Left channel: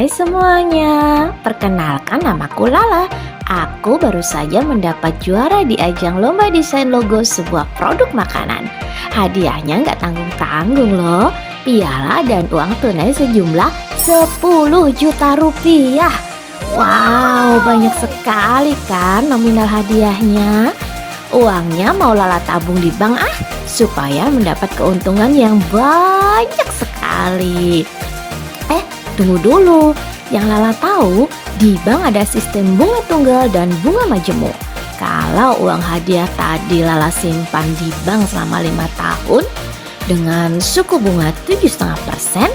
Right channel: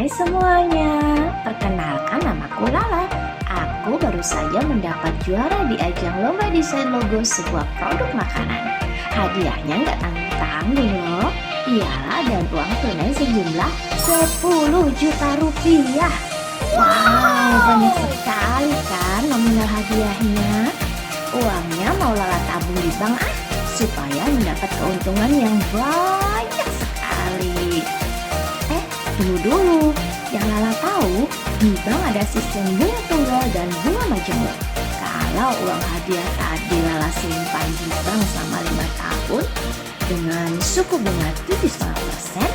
Hai semuanya, perkenalkan namaku Lala. Aku baru saja mendapat juara di ajang lomba desain logo sebuah produk makanan. Hadiahnya nggak tanggung-tanggung loh, piala dan uang tunai sejumlah 10 juta rupiah. Wow, banyak sekali kan nominal hadiahnya. Uangnya mau Lala tabung di bank supaya mendapat keuntungan yang banyak sekali. Tunggu dulu, yang Lala tahu di bank ada sistem bunga tunggal dan bunga majemuk. Kalau uang hadiah tadi Lala simpan di bank selama 5 tahun dengan suku bunga 7,5%,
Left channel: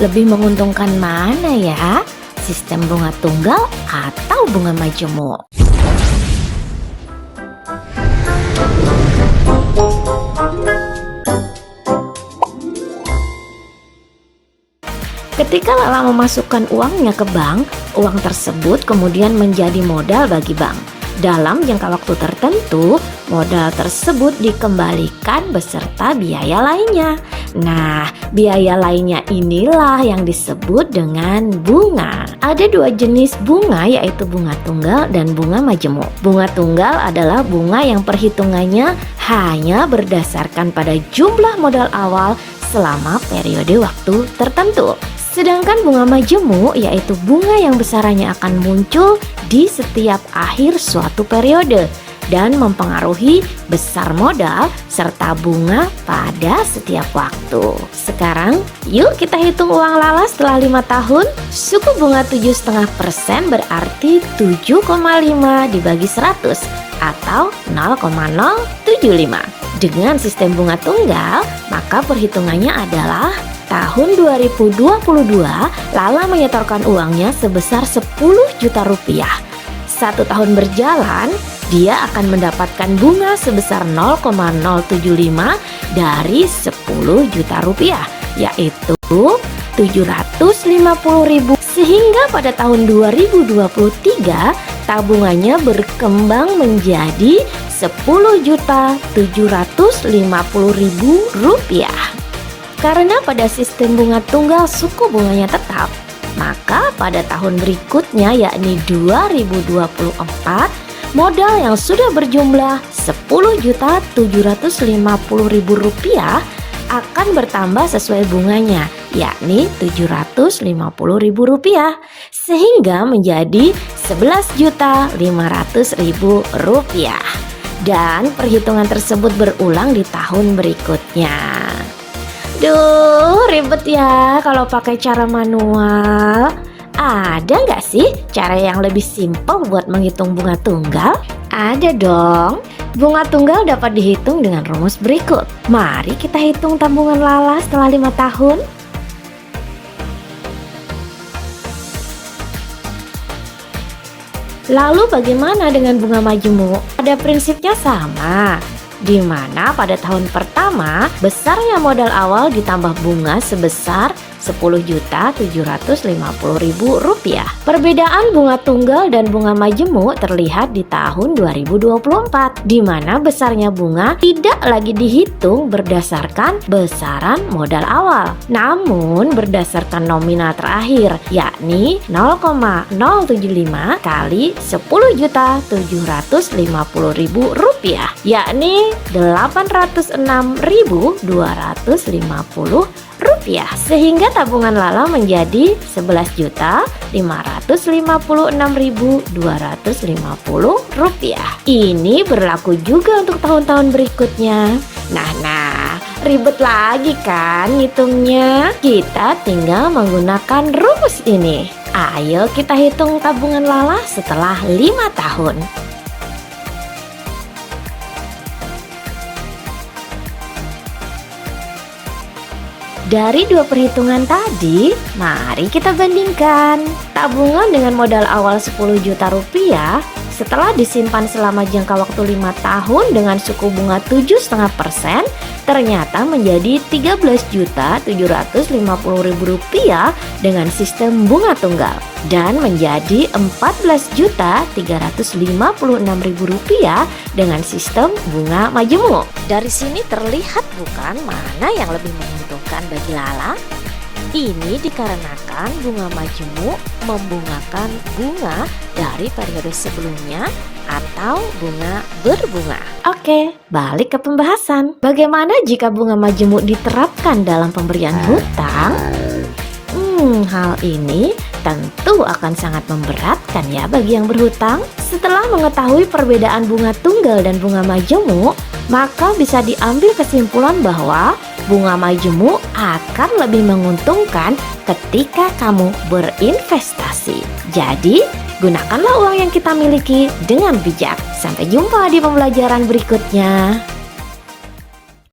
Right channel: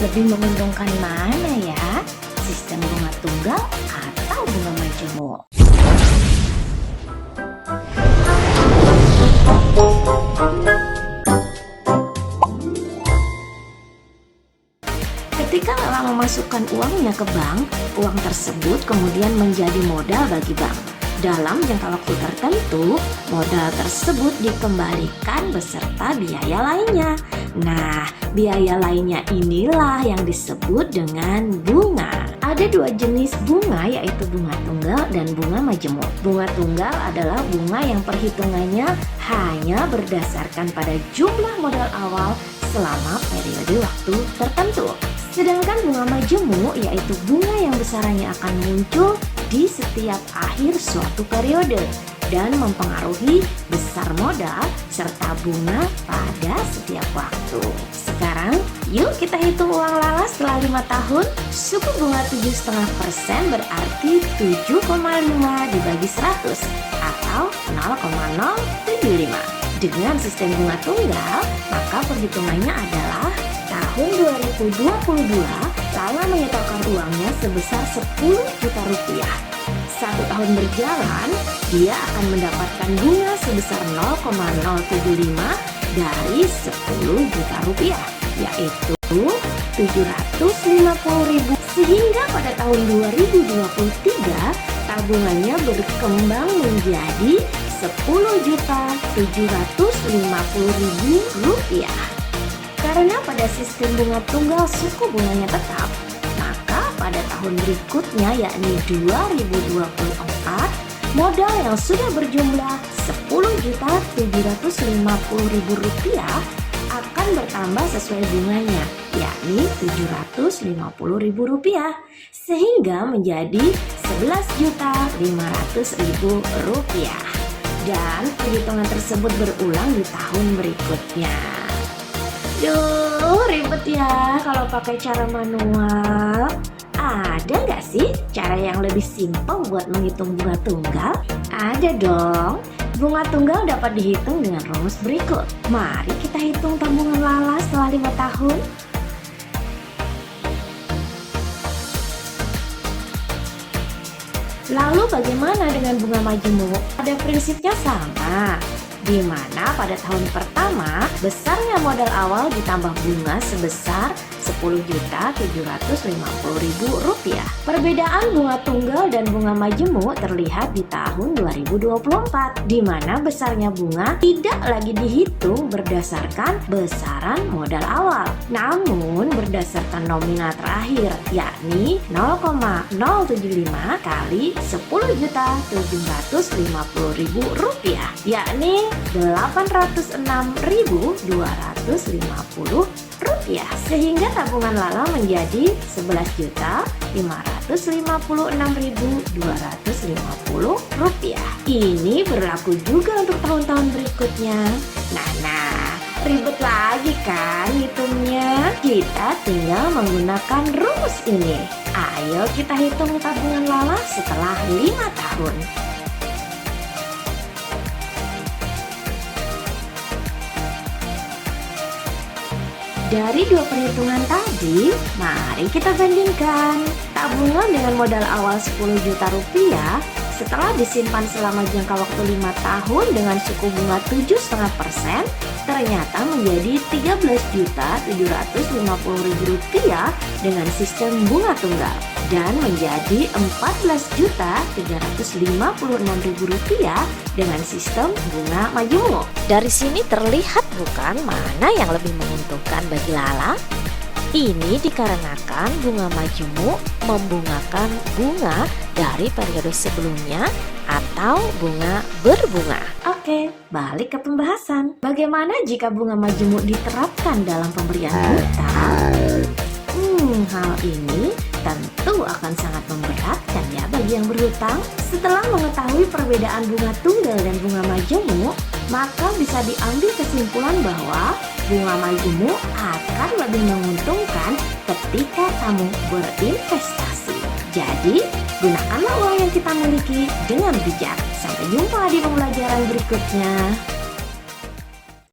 lebih menguntungkan mana ya? Sistem bunga tunggal atau bunga majemuk? Ketika Lala memasukkan uangnya ke bank, uang tersebut kemudian menjadi modal bagi bank. Dalam jangka waktu tertentu, modal tersebut dikembalikan beserta biaya lainnya. Nah, biaya lainnya inilah yang disebut dengan bunga. Ada 2 jenis bunga, yaitu bunga tunggal dan bunga majemuk. Bunga tunggal adalah bunga yang perhitungannya hanya berdasarkan pada jumlah modal awal selama periode waktu tertentu. Sedangkan bunga majemuk yaitu bunga yang besarannya akan muncul di setiap akhir suatu periode dan mempengaruhi besar modal serta bunga pada setiap waktu. Sekarang yuk kita hitung uang Lala setelah 5 tahun. Suku bunga 7,5% berarti 7,5 dibagi 100 atau 0,075. Dengan sistem bunga tunggal, maka perhitungannya adalah tahun 2022 Lala menyetorkan uangnya sebesar 10 juta rupiah. 1 tahun berjalan, dia akan mendapatkan bunga sebesar 0,075 dari 10 juta rupiah, yaitu 750.000. Sehingga pada tahun 2023 tabungannya berkembang menjadi 10.750.000 rupiah. Karena pada sistem bunga tunggal suku bunganya tetap, maka pada tahun berikutnya yakni 2024, modal yang sudah berjumlah 10.750.000 rupiah akan bertambah sesuai bunganya, yakni 750.000 rupiah, sehingga menjadi 11.500.000 rupiah. Dan perhitungan tersebut berulang di tahun berikutnya. Duh, ribet ya kalau pakai cara manual. Ada nggak sih cara yang lebih simpel buat menghitung bunga tunggal? Ada dong. Bunga tunggal dapat dihitung dengan rumus berikut. Mari kita hitung tabungan Lala setelah 5 tahun. Lalu bagaimana dengan bunga majemuk? Pada prinsipnya sama, di mana pada tahun pertama besarnya modal awal ditambah bunga sebesar 10.750.000 rupiah. Perbedaan bunga tunggal dan bunga majemuk terlihat di tahun 2024, di mana besarnya bunga tidak lagi dihitung berdasarkan besaran modal awal, namun berdasarkan nominal terakhir, yakni 0,075 kali 10.750.000 rupiah, yakni 806.250 rupiah, sehingga tabungan Lala menjadi 11.556.250 rupiah. Ini berlaku juga untuk tahun-tahun berikutnya. Nah, ribet lagi kan hitungnya? Kita tinggal menggunakan rumus ini. Ayo kita hitung tabungan Lala setelah 5 tahun. Dari 2 perhitungan tadi, mari kita bandingkan. Tabungan dengan modal awal 10 juta rupiah setelah disimpan selama jangka waktu 5 tahun dengan suku bunga 7,5% ternyata menjadi 13.750.000 rupiah dengan sistem bunga tunggal, dan menjadi 14.356.000 rupiah dengan sistem bunga majemuk. Dari sini terlihat bukan mana yang lebih menguntungkan bagi Lala? Ini dikarenakan bunga majemuk membungakan bunga dari periode sebelumnya atau bunga berbunga. Oke, balik ke pembahasan. Bagaimana jika bunga majemuk diterapkan dalam pemberian hutang? Hal ini tentu akan sangat memberatkan ya bagi yang berhutang. Setelah mengetahui perbedaan bunga tunggal dan bunga majemuk, maka bisa diambil kesimpulan bahwa bunga majemuk akan lebih menguntungkan ketika kamu berinvestasi. Jadi, gunakanlah uang yang kita miliki dengan bijak. Sampai jumpa di pembelajaran berikutnya.